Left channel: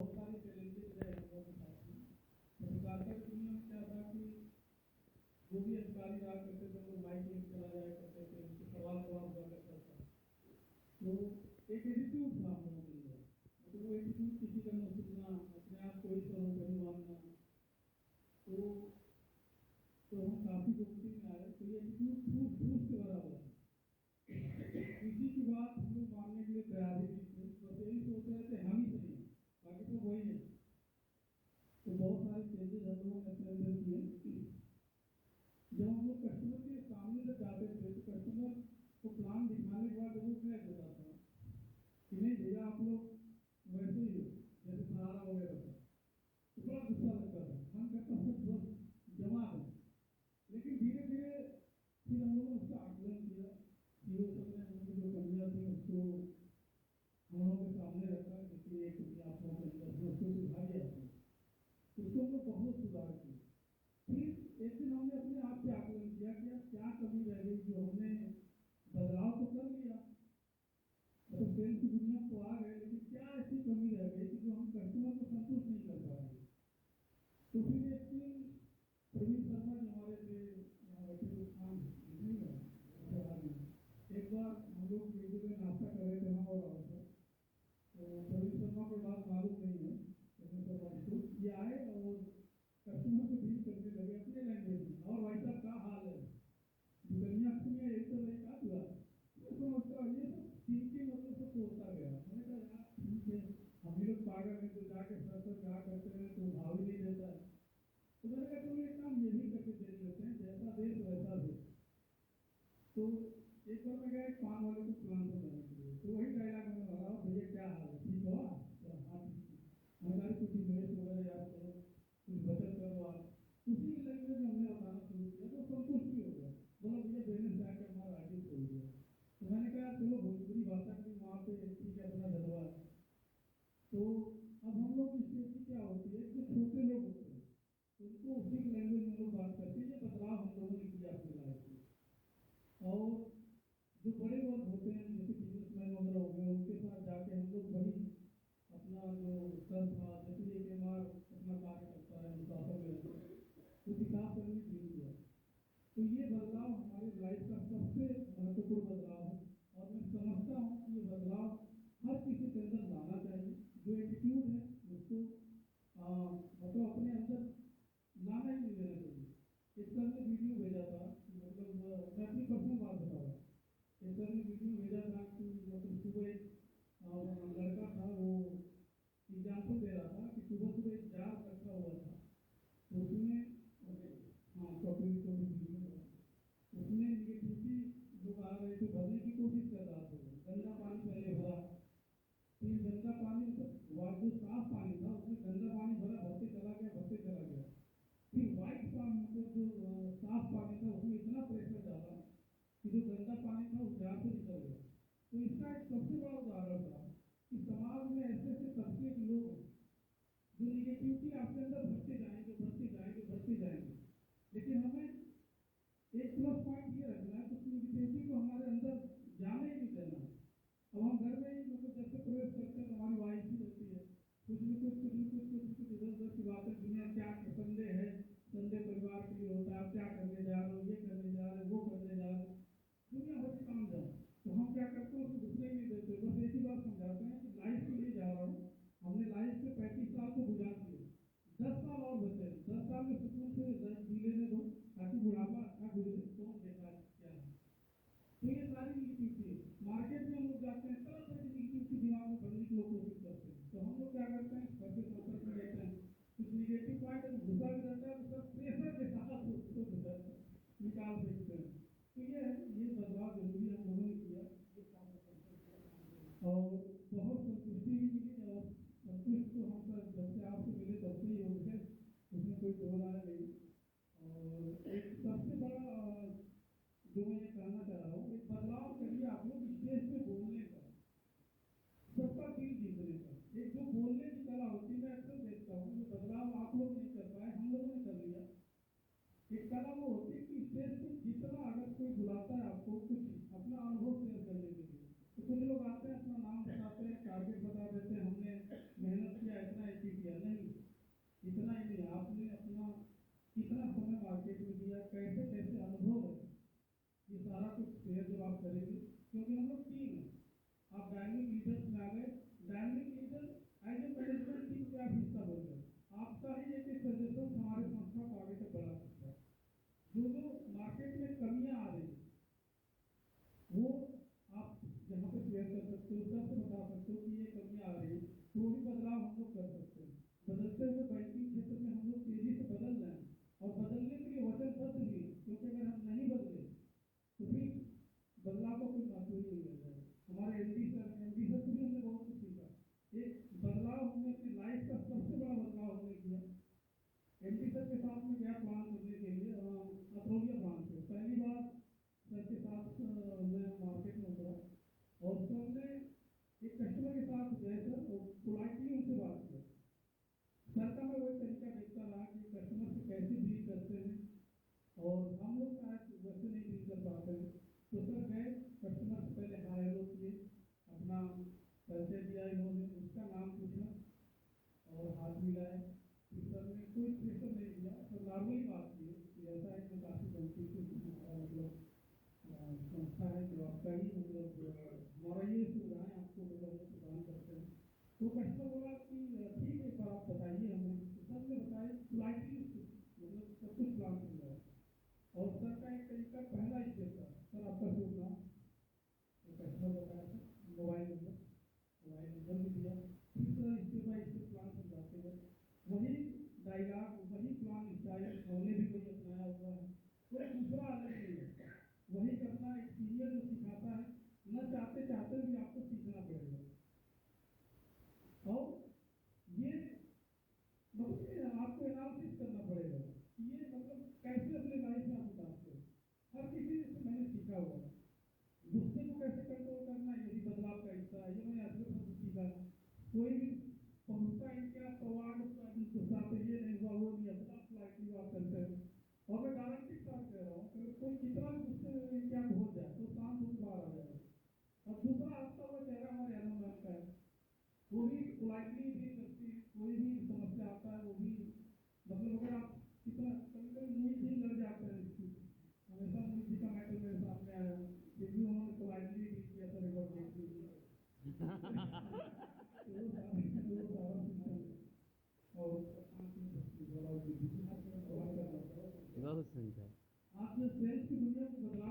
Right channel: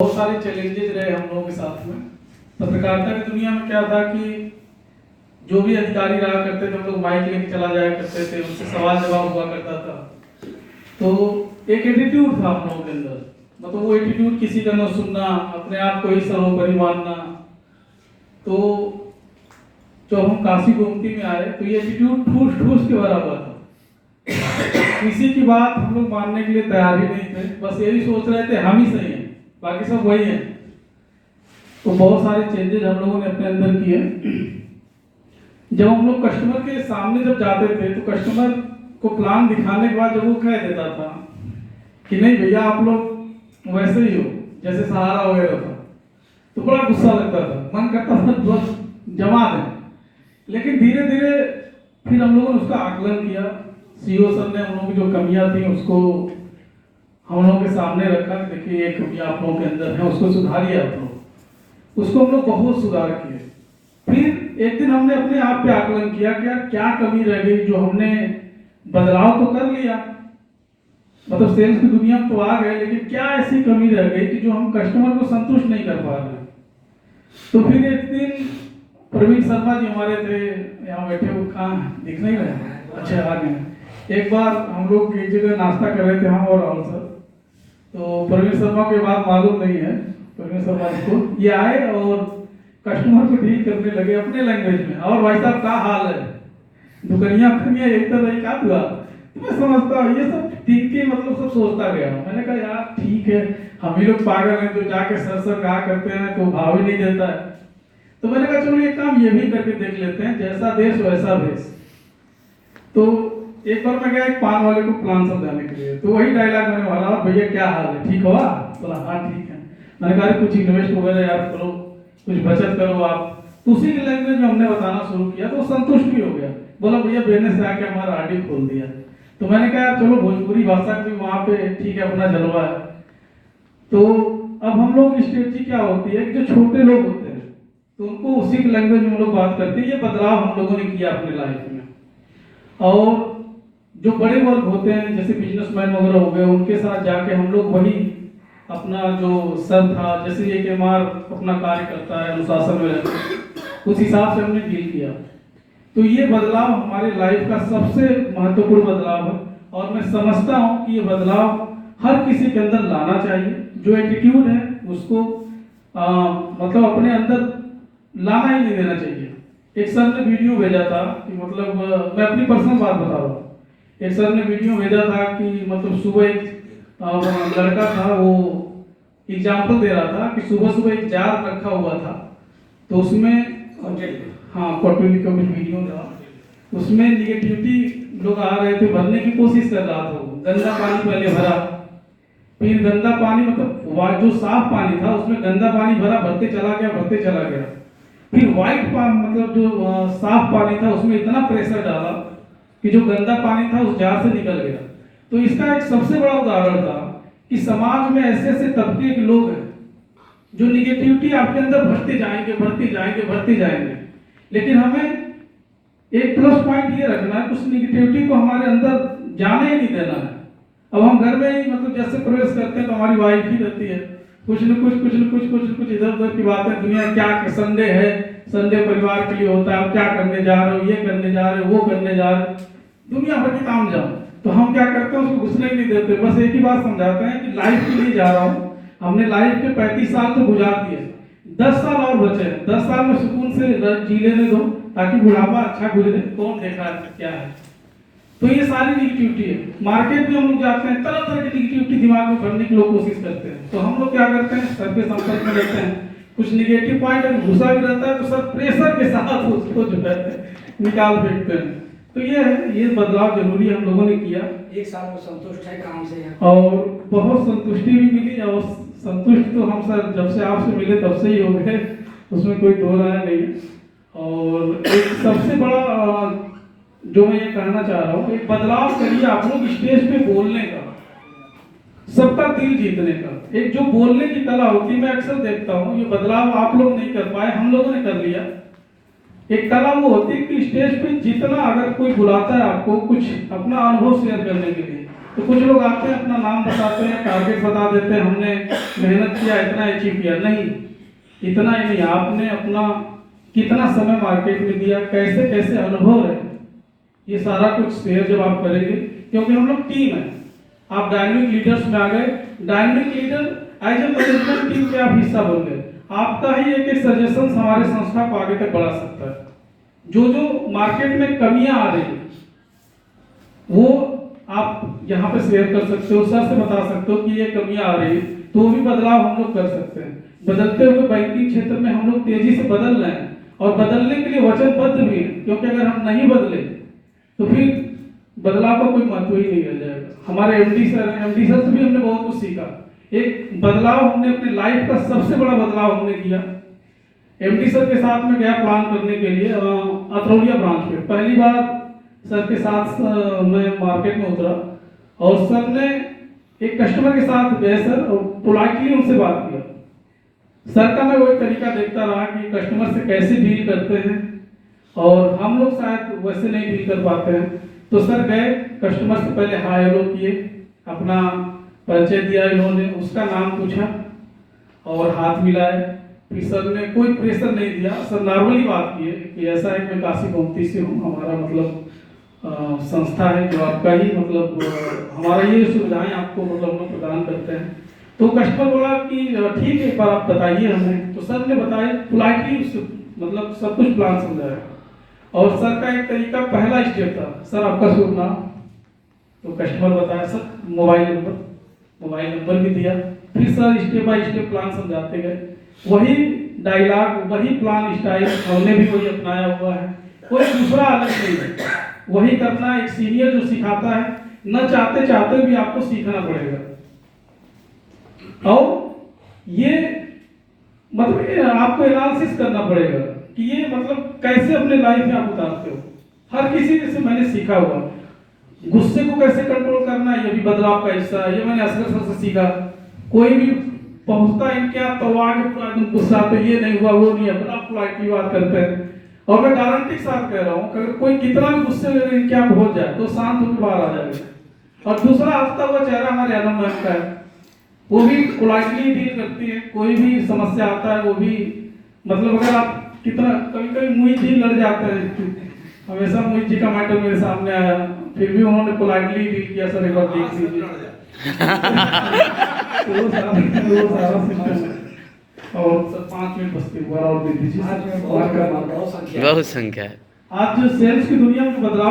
बहुत सारे चैलेंजेस रहे हम लोगों के साथ में। पत्रकारिता की दुनिया में क्या था कि जो भी अधिकारी रहा करते थे हम लोग माइक लेके चला जाया करते थे, उनसे सवाल जवाब हुआ करता था। तो एक एटीट्यूड था हम लोगों के अंदर, मतलब वो एटीट्यूड किसी का न सुनना, अपने आप को ही सर्वोपरि मानना। तो जब हम काशी गोमती में आए तो ये एटीट्यूड ठूस ठूस के भरा हुआ था। किसी की बात हम लोग मानने के लिए तैयार ही नहीं थे, बस यही सोच रहे थे हम ही सही हैं, बाकी सब वही हैं। तो बहुत सारे चेंजेस हम लोगों ने अपने अंदर किए। जब हम लोग कस्टमर के सामने जब जाते थे तो कस्टमर को प्लान दिखाने के बाद जब वो कह देता था कि नहीं भैया आप लोग वैसे ही हो जैसे सहारा वगैरह था, तो बड़ा गुस्सा लगता था, मन करता था बस जमा दें। लेकिन धीरे धीरे फिर हम लोगों ने उसका आकलन किया। सीईओ सर ने हम लोगों की जो कमियां थी उसको हम लोगों के सामने रखा, देखिए ये कमियां आप लोगों के अंदर है, उसको सुधारिए आप लोग। उसको हम लोग बहुत सुधार किए। फिर एक दिन हमने अपने आप पे आकलन किया कि यार क्या कमी रह गई, जो हमने बदलाव तो कर लिया, मतलब सेल्स की दुनिया में तो आ गए, लेकिन क्या ऐसी कमी रह गई कि जो हम कस्टमर को संतुष्ट नहीं कर पा रहे। तो फिर एक दिन प्रवीण शर्मा जी हमारे थे, यहाँ बैठे हुए, कहाँ दिख नहीं रहे, अच्छा आ गए। एक बार हम लोग एक जगह नाश्ता कर रहे थे, हम और राहुल सर। तो प्रवीण शर्मा के बात मालूम नहीं है, प्रवीण शर्मा जी को ये आए और कस्टमर को डील करने लगे अपने लैंग्वेज में। और भाई साहब क्या हाल है, दुकनिया खनिया एक तरह क्या हुआ। तो मैं समझता हूँ ये सब ठीक के मतलब सब सोचता गया। मैंने कहा यार ठीक है, हम ही लोग पागल हैं जो जाके सर सर कहा करते हैं तो भाव ही नहीं देता है। तो मैंने कहा चलो ये काम ये भी करके देख लेते हैं, जैसा देश वैसा भेष। तो एक बार मैं गया एक पान वाले को प्लान समझाने के लिए, तो वही डायलॉग मैंने मारा, भैया क्या हाल है, ठीक हुआ? बोला हाँ ठीक है। मैंने कहा कुछ इन्वेस्ट वगैरह यार करो, कुछ बचत करो आप। तो उसी की लैंग्वेज में हमने बताना शुरू किया, तो संतुष्ट भी हो गया। बोला भैया बिजनेस से आके हमारा आरडी खोल दिया। तो मैंने कहा यार चलो भोजपुरी भाषा भी वहाँ पे ठीक है, अपना जलवा है। तो अब हम लोग की स्ट्रेटजी क्या होती है कि जो छोटे लोग होते हैं तो उनको उसी की लैंग्वेज में हम लोग बात करते हैं। ये बदलाव हम लोगों ने किया अपने लाइफ में। और जो बड़े वर्ग होते हैं जैसे बिजनेसमैन वगैरह हो गए, उनके साथ जाके हम लोग वही अपना जो सर था, जैसे एक एमआर अपना कार्य करता है अनुशासन में रहते, उस हिसाब से हमने डील किया। तो ये बदलाव हमारे लाइफ का सबसे महत्वपूर्ण बदलाव है। और मैं समझता हूँ कि ये बदलाव हर किसी के अंदर लाना चाहिए। जो एटीट्यूड है उसको मतलब अपने अंदर लाना ही नहीं देना चाहिए। एक सर ने वीडियो भेजा था कि मतलब मैं अपनी पर्सनल बात बता रहा हूँ। एक सर ने वीडियो भेजा था कि मतलब सुबह एक लड़का था, वो एग्जाम्पल दे रहा था कि सुबह सुबह एक जार रखा हुआ था, तो उसमें हाँ कॉटन का कुछ वीडियो था, उसमें निगेटिविटी लोग आ रहे थे, भरने की कोशिश कर रहा था। वो गंदा पानी पहले भरा, फिर गंदा पानी मतलब जो साफ पानी था उसमें गंदा पानी भरा, भरते चला गया भरते चला गया। फिर व्हाइट पानी मतलब जो साफ पानी था उसमें इतना प्रेशर डाला कि जो गंदा पानी था उस जार से निकल गया। तो इसका एक सबसे बड़ा उदाहरण था कि समाज में ऐसे ऐसे तबके के लोग हैं जो निगेटिविटी आपके अंदर भरते जाएंगे भरते जाएंगे भरते जाएंगे। लेकिन हमें एक प्लस पॉइंट ये रखना है, उस निगेटिविटी को हमारे अंदर जाने ही नहीं देना है। अब हम घर में ही मतलब जैसे प्रवेश करते हैं तो हमारी वाइफ ही रहती है, कुछ न कुछ इधर उधर की बातें, दुनिया क्या, संडे है, संडे परिवार के लिए होता है, आप क्या करने जा रहे हो, ये करने जा रहे हो, वो करने जा रहे हो, दुनिया भर के काम जाओ। तो हम क्या करते हैं उसको घुसने ही नहीं देते, बस एक ही बात समझाते हैं कि लाइफ के लिए जा रहा हूँ, हमने लाइफ के 35 साल तो गुजार दिए, 10 साल और बचे हैं, 10 साल में सुकून से जी लेने दो ताकि बुढ़ापा अच्छा गुजरे। कौन देखा है क्या है। तो ये सारी निगेटिविटी है। मार्केट में हम लोग जाते हैं, तरह तरह की निगेटिविटी दिमाग में भरने की लोग कोशिश करते हैं। तो हम लोग क्या करते हैं, सर के संपर्क में रहते हैं, कुछ निगेटिव पॉइंट अगर घुसा भी रहता है तो सर प्रेशर के साथ उसको जो है निकाल फेंकते हैं। तो ये है, ये बदलाव जरूरी हम लोगों ने किया। एक साल में संतुष्ट है काम से और बहुत संतुष्टि भी मिली। और संतुष्ट तो हम सर जब से आपसे मिले तब से ही हो गए, उसमें कोई दो राय नहीं है। और एक सबसे बड़ा जो मैं ये कहना चाह रहा हूँ, एक बदलाव करिए आप लोग स्टेज पे बोलने का, सबका दिल जीतने का। एक जो बोलने की कला होती है, मैं अक्सर देखता हूँ, ये बदलाव आप लोग नहीं कर पाए, हम लोगों ने कर लिया। एक कला वो होती है कि स्टेज पे जितना अगर कोई बुलाता है आपको कुछ अपना अनुभव शेयर करने के लिए, तो कुछ लोग आते हैं, अपना नाम बताते हैं, टारगेट बता देते हैं, हमने मेहनत किया, इतना अचीव किया। नहीं, इतना ही नहीं, आपने अपना कितना समय मार्केट में दिया, कैसे कैसे अनुभव रहे, ये सारा कुछ शेयर जब आप करेंगे, क्योंकि हम लोग टीम है। आप डायनेमिक लीडर्स में आ गए, dynamic leader as a management team के आप हिस्सा बन गए। आपका ही एक एक सजेशन हमारे संस्था को आगे तक बढ़ा सकता है। जो जो मार्केट में कमियां आ रही है वो आप यहाँ पे शेयर कर सकते हो, सर से बता सकते हो कि ये कमियां आ रही है, तो भी बदलाव हम लोग कर सकते हैं। बदलते हुए बैंकिंग क्षेत्र में हम लोग तेजी से बदल रहे हैं और बदलने के लिए वचनबद्ध भी हैं, क्योंकि अगर हम नहीं बदले तो फिर बदलाव का कोई महत्व ही नहीं रह जाएगा। हमारे एमडी सर से भी हमने बहुत कुछ सीखा। एक बदलाव हमने अपने लाइफ का सबसे बड़ा बदलाव हमने किया, एमडी सर के साथ में गया प्लान करने के लिए अतरौलिया ब्रांच पे। पहली बार सर के साथ मैं मार्केट में उतरा और सर ने एक कस्टमर के साथ गए सर और पोलाइटली उनसे बात किया। सर का मैं वही तरीका देखता रहा कि कस्टमर से कैसे डील करते हैं, और हम लोग शायद वैसे नहीं डील कर पाते हैं। तो सर गए, कस्टमर से पहले हाय हेलो किए, अपना परिचय दिया इन्होंने, उसका नाम पूछा और हाथ मिलाए। फिर सर ने कोई प्रेशर नहीं दिया, सर नॉर्मली बात किए कि ऐसा है, मैं काशी गोमती से हूँ, हमारा मतलब संस्था है जो आपका ही मतलब हमारा ये सुविधाएं आपको मतलब हम लोग प्रदान करते हैं। तो कस्टमर बोला कि ठीक है, एक बार आप बताइए हमें। तो सर ने बताया पोलाइटली, मतलब सब कुछ प्लान समझाया। और सर का एक तरीका, पहला स्टेप था, सर आपका शुभ नाम, तो कस्टमर बताया सर मोबाइल नंबर भी दिया। फिर sir step by step plan समझाते गए, वही डायलॉग, वही प्लान स्टाइल हमने भी वही अपनाया हुआ है, कोई दूसरा अलग नहीं है, वही करना। एक सीनियर जो सिखाता है, न चाहते चाहते भी आपको सीखना पड़ेगा। और ये मतलब आपको एनालिसिस करना पड़ेगा कि ये मतलब कैसे अपने लाइफ में आप उतारते हो। हर किसी से मैंने सीखा हुआ, गुस्से को कैसे कंट्रोल करना, ये भी बदलाव का हिस्सा है। ये मैंने असगर सर से सीखा। कोई भी पहुंचता इनके आप तो आगे पूरा एकदम गुस्सा, तो ये नहीं हुआ, वो नहीं है, बड़ा पोलाइटली बात करते हैं। और मैं गारंटी के साथ कह रहा हूँ कि अगर कोई कितना भी गुस्से में इनके आप हो जाए तो शांत होकर बाहर आ जाएगा। और दूसरा हंसता हुआ चेहरा हमारे अनम मैम का है, वो भी पोलाइटली डील करती है। कोई भी समस्या आता है वो भी मतलब, अगर आप कितना कभी कभी मोहित जी लड़ जाते हैं, हमेशा मोहित जी का मैटर मेरे सामने आया, फिर भी उन्होंने पोलाइटली डील किया, सर एक बार देख लीजिए। वो सारा सिस्टम है। और सर 5 मिनट बस के और दे दीजिए। बहुत संख्या है। बहुत संख्या है। आज जो सेल्स की दुनिया में बदलाव